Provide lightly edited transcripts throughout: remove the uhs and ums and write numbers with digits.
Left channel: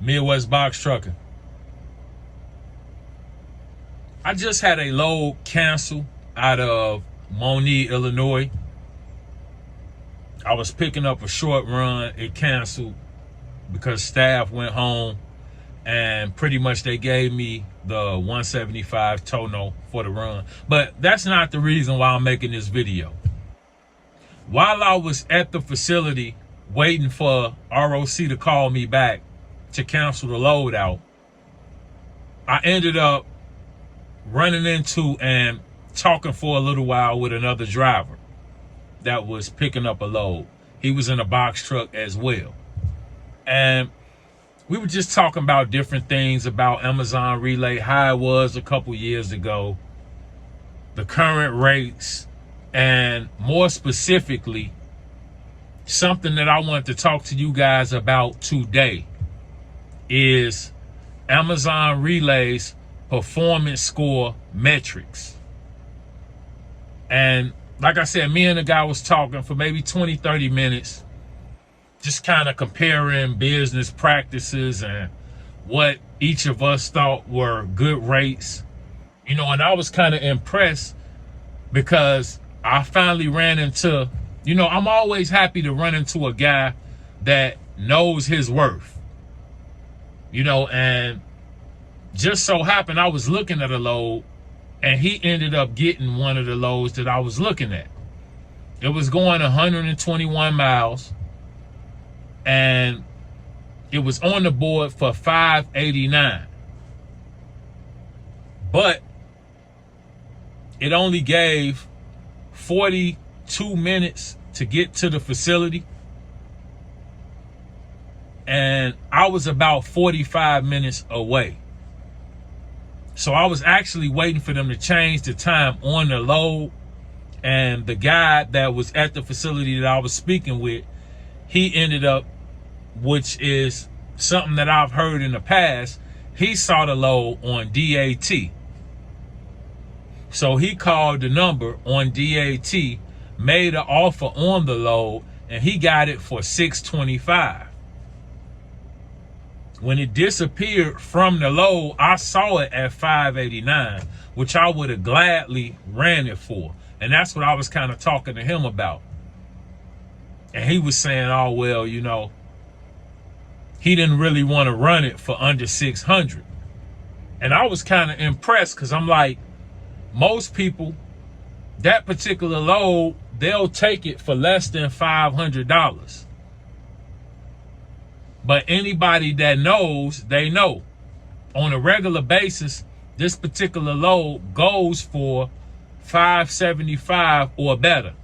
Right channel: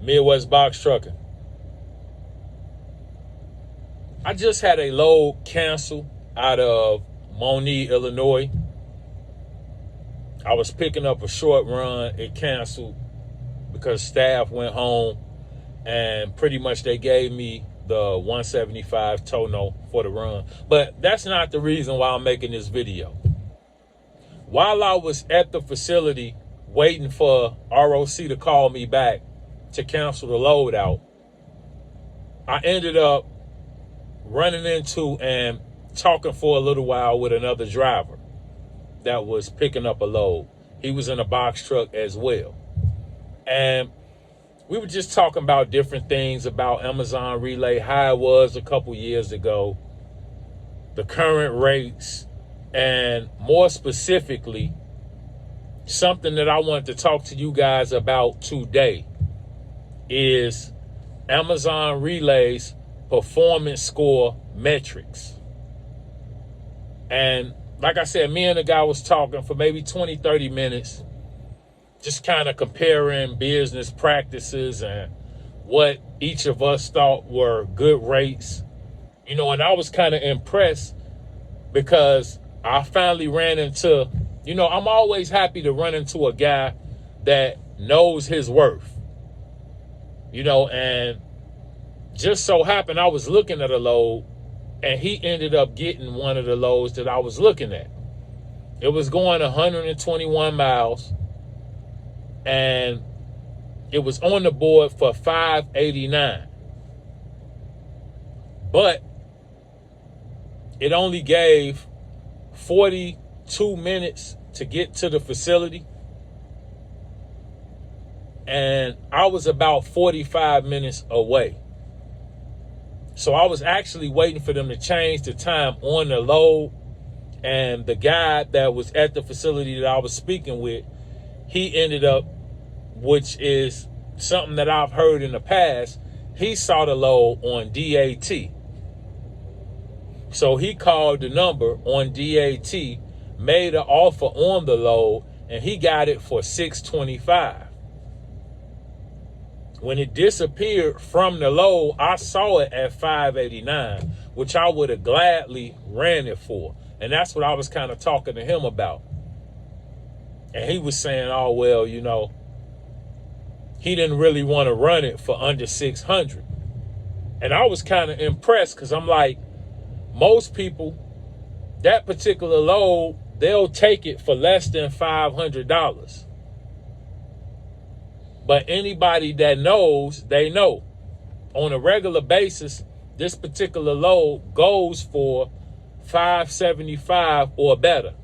Midwest Box Trucking. I just had a load cancel out of Moni, Illinois. I was picking up a short run. It canceled because staff went home, and pretty much they gave me the 175 tono for the run. But that's not the reason why I'm making this video. While I was at the facility waiting for ROC to call me back to cancel the load out, I ended up running into and talking for a little while with another driver that was picking up a load. He was in a box truck as well. And we were just talking about different things about Amazon Relay, how it was a couple years ago, the current rates, and more specifically, something that I want to talk to you guys about today is Amazon Relay's performance score metrics. And like I said, me and the guy was talking for maybe 20, 30 minutes, just kind of comparing business practices and what each of us thought were good rates. And I was kind of impressed because I finally ran into, I'm always happy to run into a guy that knows his worth, and just so happened I was looking at a load and he ended up getting one of the loads that I was looking at. It was going 121 miles and it was on the board for $589. But it only gave 42 minutes to get to the facility. And I was about 45 minutes away. So I was actually waiting for them to change the time on the load. And the guy that was at the facility that I was speaking with, he ended up, which is something that I've heard in the past, he saw the load on DAT. So he called the number on DAT, made an offer on the load, and he got it for $625. When it disappeared from the load, I saw it at $589, which I would have gladly ran it for. And that's what I was kind of talking to him about. And he was saying, oh, well, he didn't really want to run it for under 600. And I was kind of impressed because I'm like, most people, that particular load, they'll take it for less than $500. But anybody that knows, they know. On a regular basis, this particular load goes for $575 or better.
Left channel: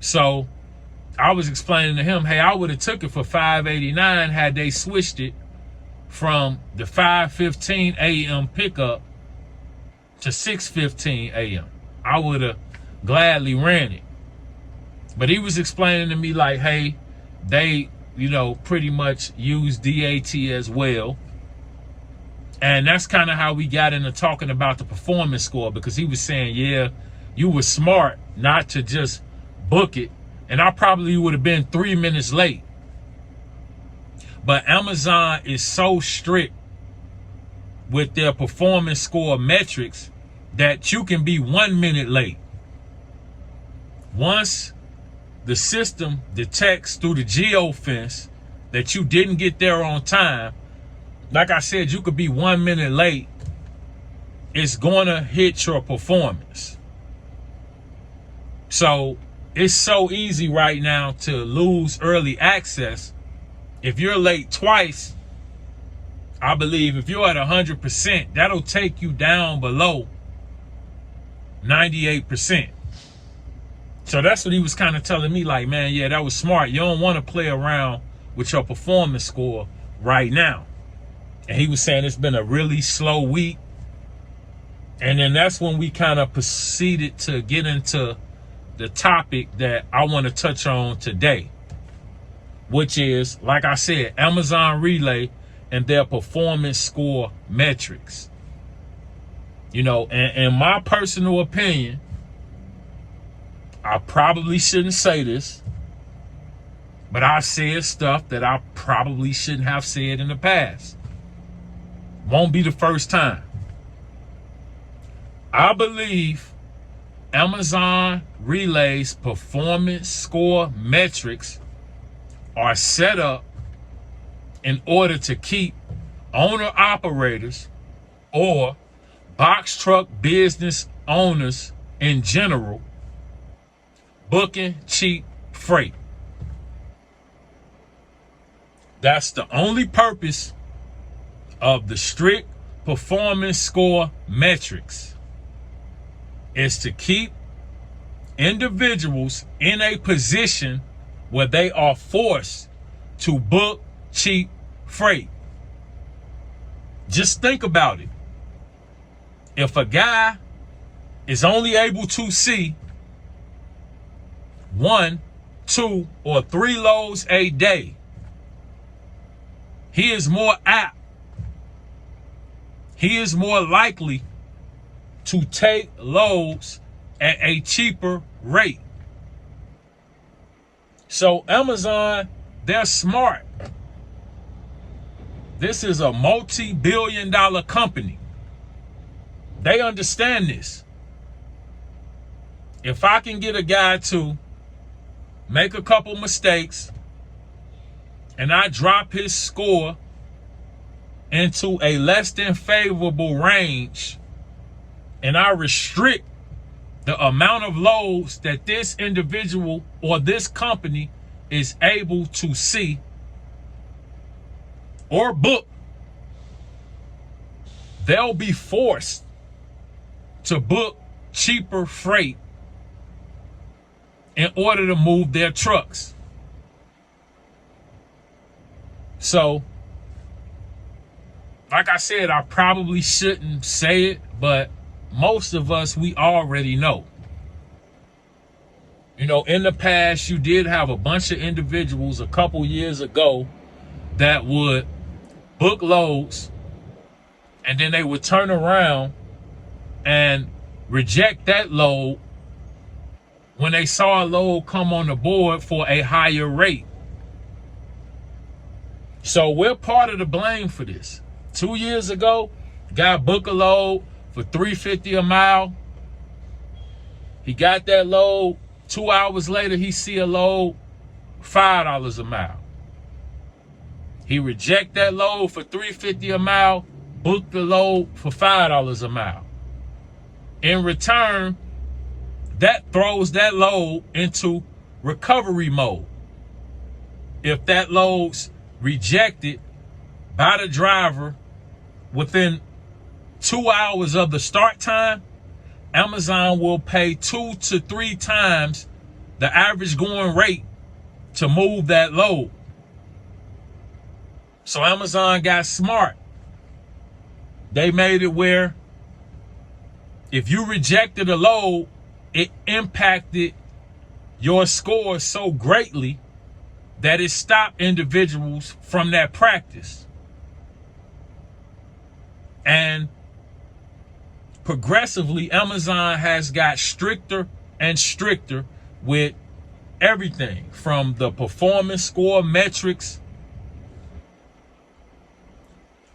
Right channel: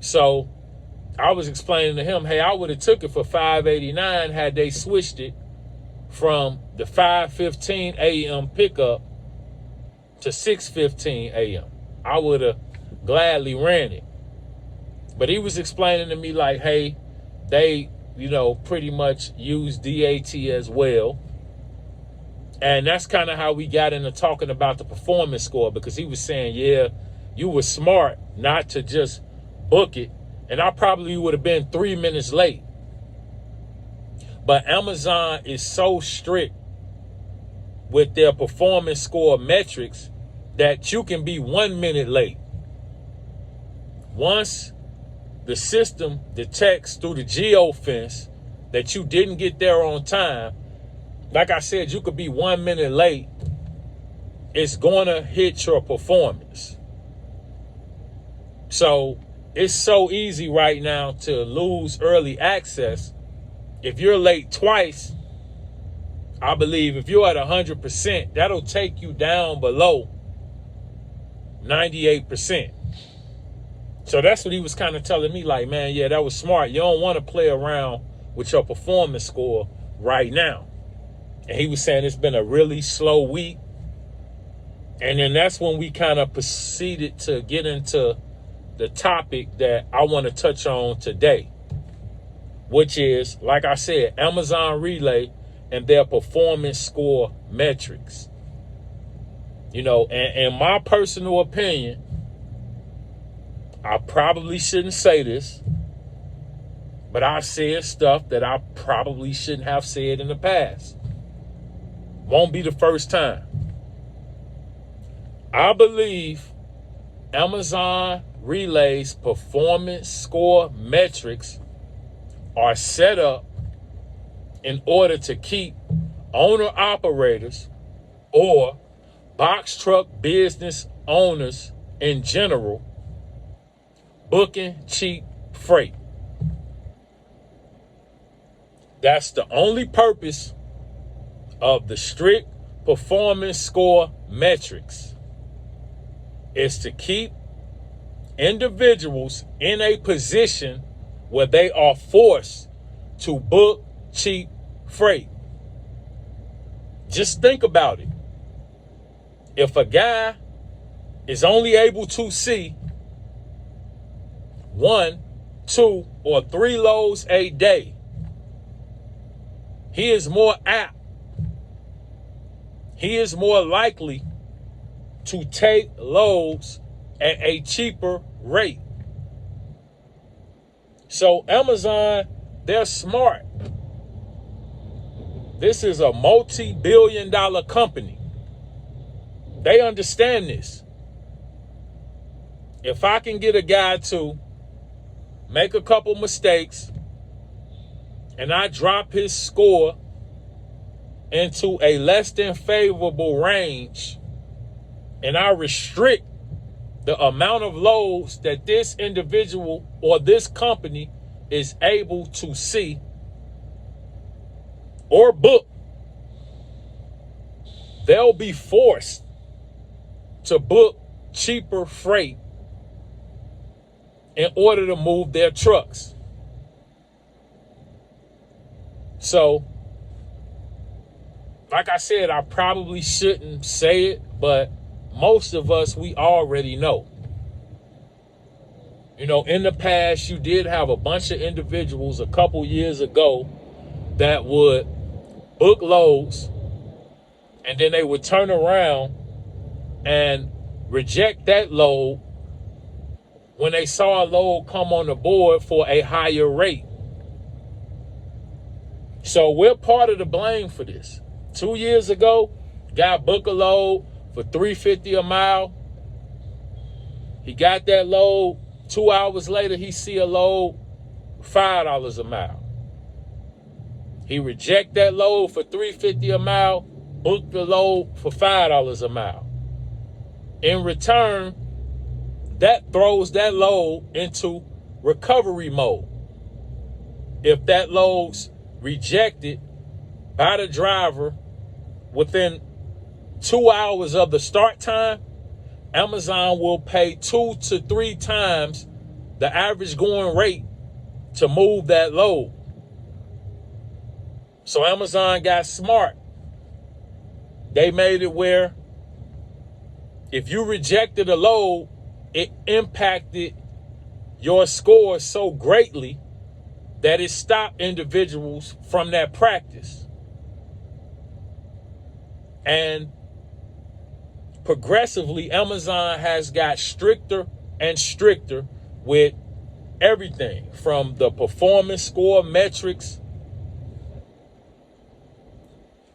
So I was explaining to him, hey, I would have took it for $589 had they switched it from the 5:15 a.m. pickup to 6:15 a.m. I would have gladly ran it. But he was explaining to me like, hey, they, pretty much use DAT as well. And that's kind of how we got into talking about the performance score, because he was saying, yeah, you were smart not to just book it. And I probably would have been 3 minutes late. But Amazon is so strict with their performance score metrics that you can be 1 minute late. Once the system detects through the geofence that you didn't get there on time, like I said, you could be 1 minute late. It's going to hit your performance. So it's so easy right now to lose early access. If you're late twice, I believe if you're at 100%, that'll take you down below 98%. So that's what he was kind of telling me, like, man, yeah, that was smart. You don't want to play around with your performance score right now. And he was saying it's been a really slow week. And then that's when we kind of proceeded to get into the topic that I want to touch on today, which is, like I said, Amazon Relay and their performance score metrics. And in my personal opinion, I probably shouldn't say this, But I've said stuff that I probably shouldn't have said in the past. Won't be the first time. I believe Amazon Relay's performance score metrics are set up in order to keep owner-operators or box truck business owners in general booking cheap freight. That's the only purpose of the strict performance score metrics, is to keep individuals in a position where they are forced to book cheap freight. Just think about it. If a guy is only able to see 1, 2, or 3 loads a day, he is more apt, he is more likely to take loads at a cheaper rate. So Amazon, they're smart. This is a multi-billion-dollar company. They understand this. If I can get a guy to make a couple mistakes and I drop his score into a less than favorable range, and I restrict the amount of loads that this individual or this company is able to see or book, they'll be forced to book cheaper freight in order to move their trucks. So, like I said, I probably shouldn't say it, but most of us, we already know. You know, in the past, you did have a bunch of individuals a couple years ago that would book loads, and then they would turn around and reject that load when they saw a load come on the board for a higher rate. So we're part of the blame for this. 2 years ago, guy booked a load for $3.50 a mile. He got that load. 2 hours later, he see a load $5 a mile. He reject that load for $3.50 a mile, booked the load for $5 a mile. In return, that throws that load into recovery mode. If that load's rejected by the driver within 2 hours of the start time, Amazon will pay 2 to 3 times the average going rate to move that load. So Amazon got smart. They made it where if you rejected a load, it impacted your score so greatly that it stopped individuals from that practice. And progressively, Amazon has got stricter and stricter with everything from the performance score metrics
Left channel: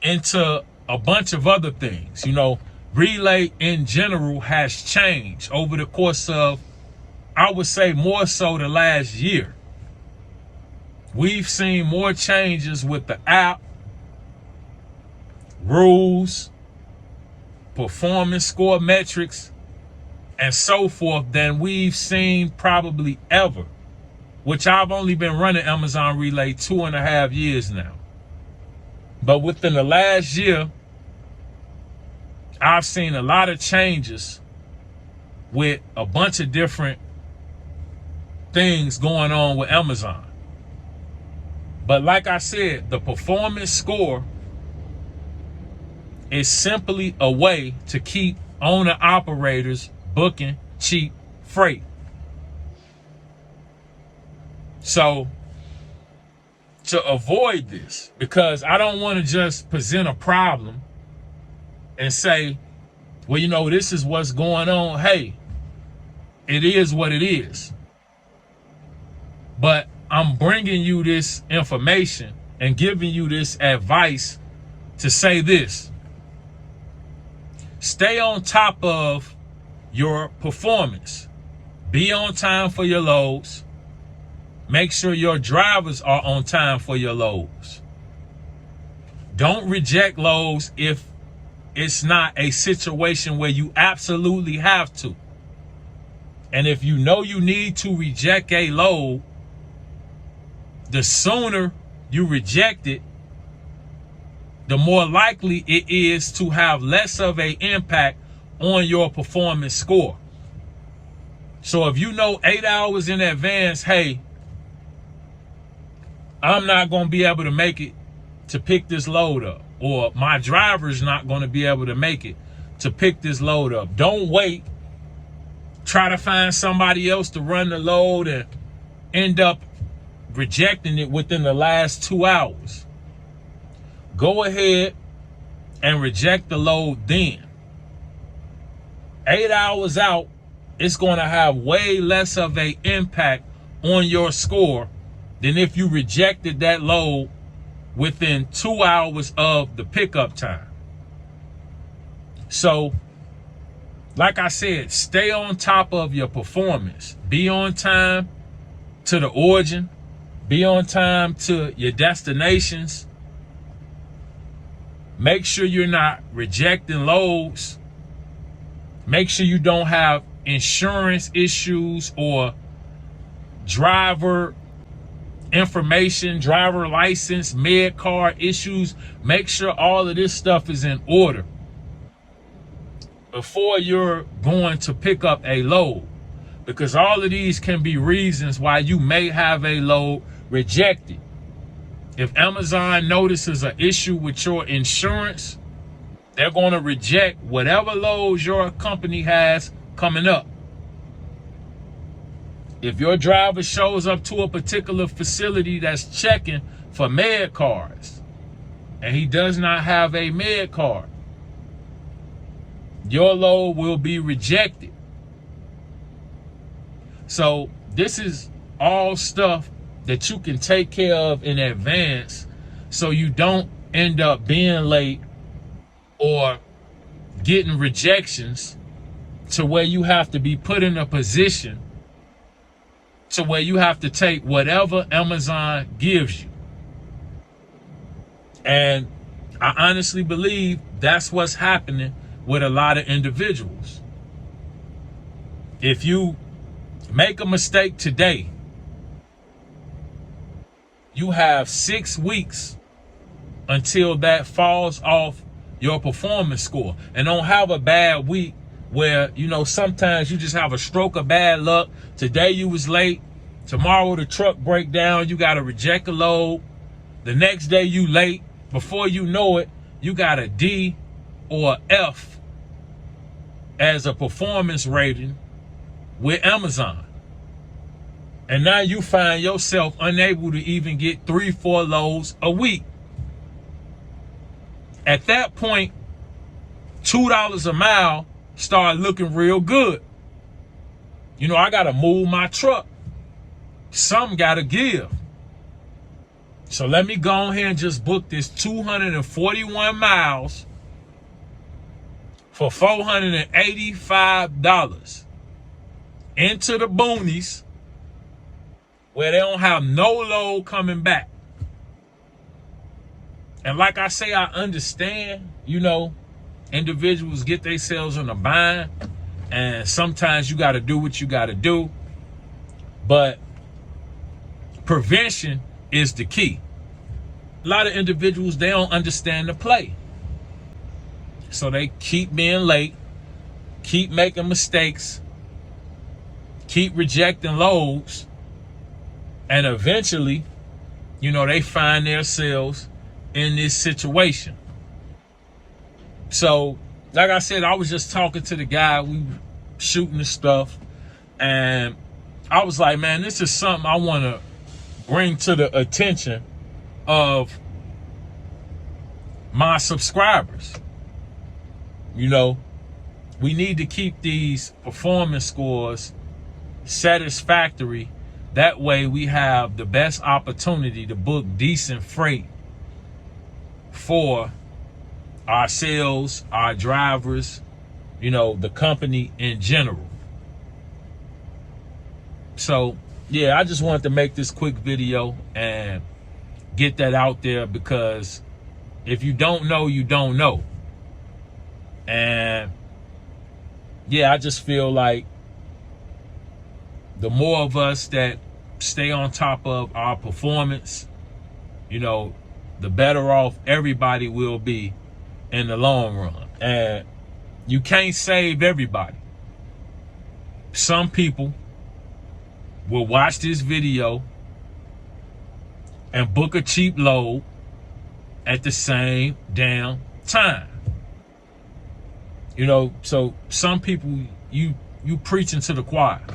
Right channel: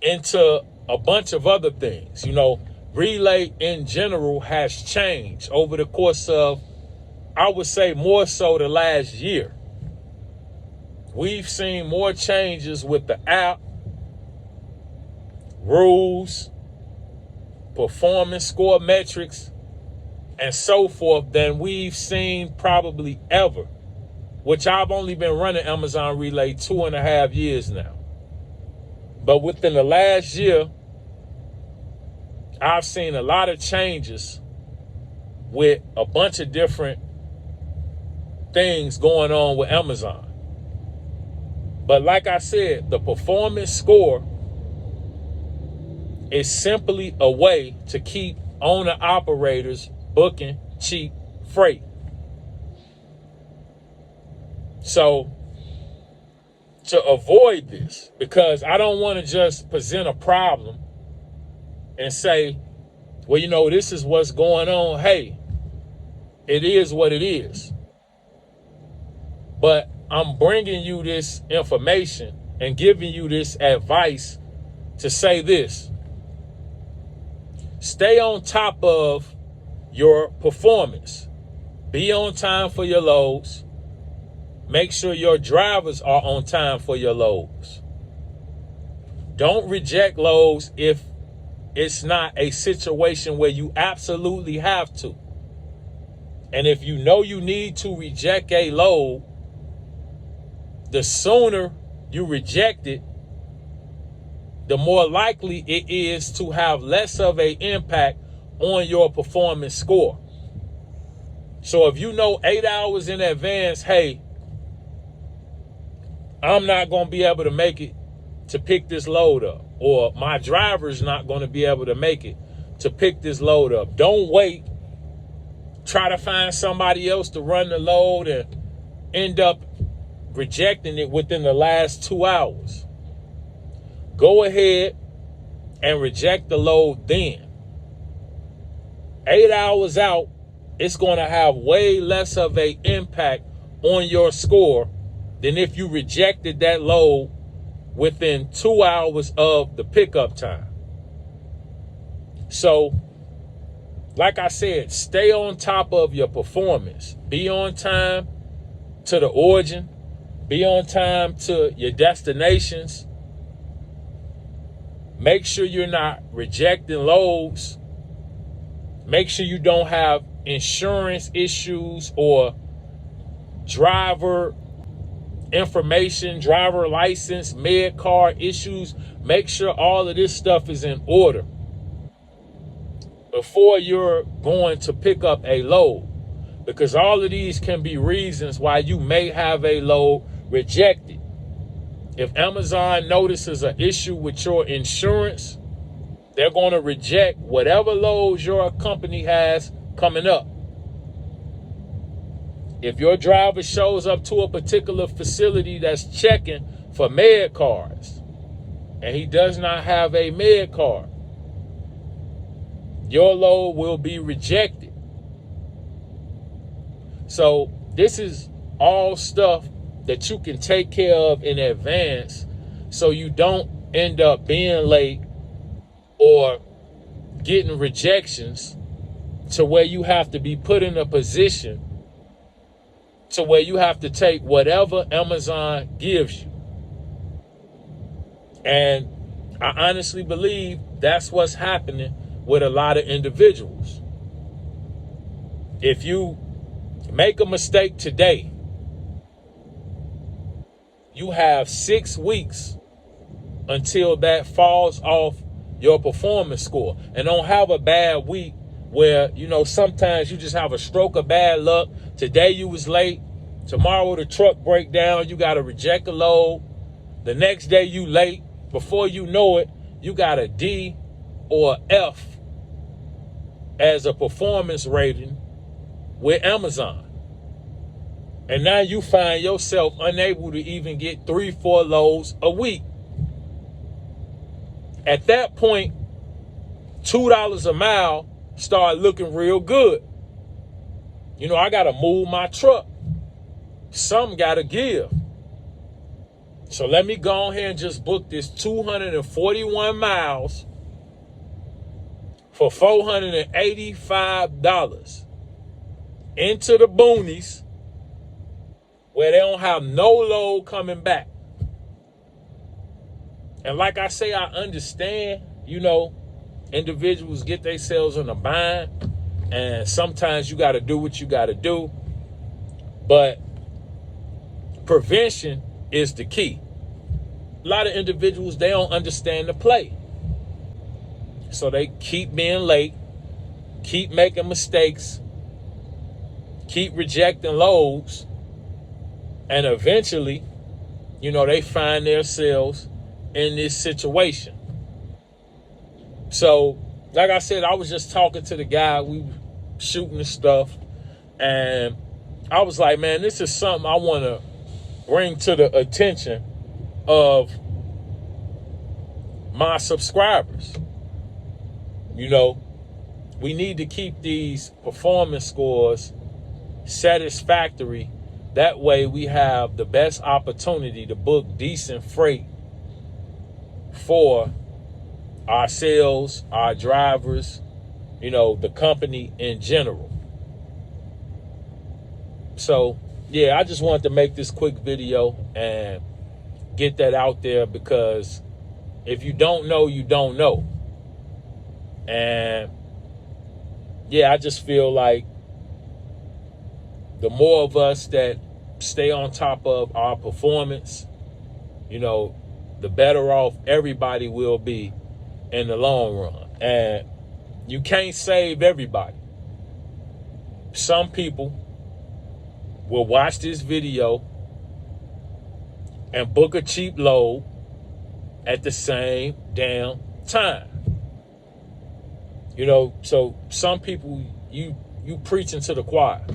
into a bunch of other things. You know, Relay in general has changed over the course of, I would say, more so the last year. We've seen more changes with the app, rules, performance score metrics, and so forth than we've seen probably ever, which I've only been running Amazon Relay 2.5 years now. But within the last year, I've seen a lot of changes with a bunch of different things going on with Amazon. But like I said, the performance score is simply a way to keep owner-operators booking cheap freight. So, to avoid this, because I don't want to just present a problem and say, well, you know, this is what's going on. Hey, it is what it is. But I'm bringing you this information and giving you this advice to say this. Stay on top of your performance. Be on time for your loads. Make sure your drivers are on time for your loads. Don't reject loads if it's not a situation where you absolutely have to. And if you know you need to reject a load, the sooner you reject it, the more likely it is to have less of an impact on your performance score. So if you know 8 hours in advance, hey, I'm not going to be able to make it to pick this load up, or my driver's not going to be able to make it to pick this load up. Don't wait. Try to find somebody else to run the load and end up rejecting it within the last 2 hours. Go ahead and reject the load then. 8 hours out, it's going to have way less of an impact on your score than if you rejected that load within 2 hours of the pickup time. So, like I said, stay on top of your performance. Be on time to the origin. Be on time to your destinations. Make sure you're not rejecting loads. Make sure you don't have insurance issues or driver information, driver license, med card issues. Make sure all of this stuff is in order before you're going to pick up a load, because all of these can be reasons why you may have a load rejected. If Amazon notices an issue with your insurance, they're going to reject whatever loads your company has coming up. If your driver shows up to a particular facility that's checking for med cards and he does not have a med card, your load will be rejected. So this is all stuff that you can take care of in advance so you don't end up being late or getting rejections to where you have to be put in a position to where you have to take whatever Amazon gives you. And I honestly believe that's what's happening with a lot of individuals. If you make a mistake today, you have 6 weeks until that falls off your performance score. And don't have a bad week where, sometimes you just have a stroke of bad luck. Today you was late. Tomorrow the truck break down. You got to reject a load. The next day you late. Before you know it, you got a D or F as a performance rating with Amazon. And now you find yourself unable to even get 3-4 loads a week. At that point, $2 a mile start looking real good. I got to move my truck. Something got to give. So let me go ahead and just book this 241 miles for $485 into the boonies where they don't have no load coming back. And like I say, I understand, individuals get themselves in a bind, and sometimes you got to do what you got to do. But prevention is the key. A lot of individuals, they don't understand the play. So they keep being late, keep making mistakes, keep rejecting loads, and eventually, they find themselves in this situation. So, like I said, I was just talking to the guy, we were shooting the stuff, and I was like, man, this is something I want to bring to the attention of my subscribers. We need to keep these performance scores satisfactory That way we have the best opportunity to book decent freight for ourselves, our drivers, the company in general. So, yeah, I just wanted to make this quick video and get that out there, because if you don't know, you don't know. And yeah, I just feel like the more of us that stay on top of our performance, the better off everybody will be in the long run. And you can't save everybody. Some people will watch this video and book a cheap load at the same damn time. So some people, you preaching to the choir.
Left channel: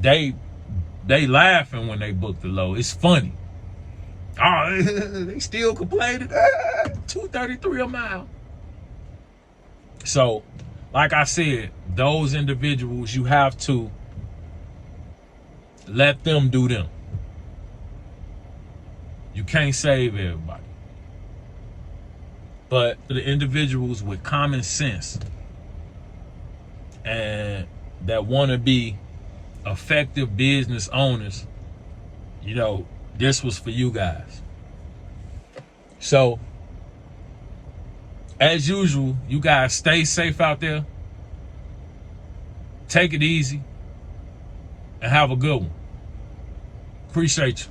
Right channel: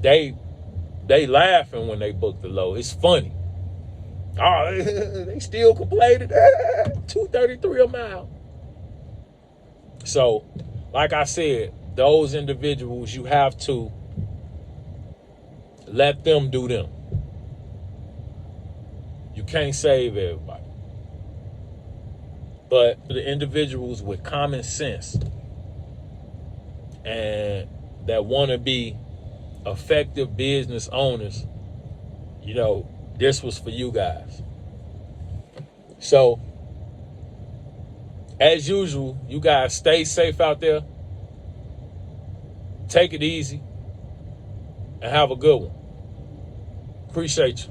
They laughing when they book the load. It's funny. Oh, they still complaining. $2.33 a mile. So, like I said, those individuals, you have to let them do them. You can't save everybody. But the individuals with common sense and that want to be effective business owners, this was for you guys. So, as usual, you guys stay safe out there. Take it easy and have a good one. Appreciate you.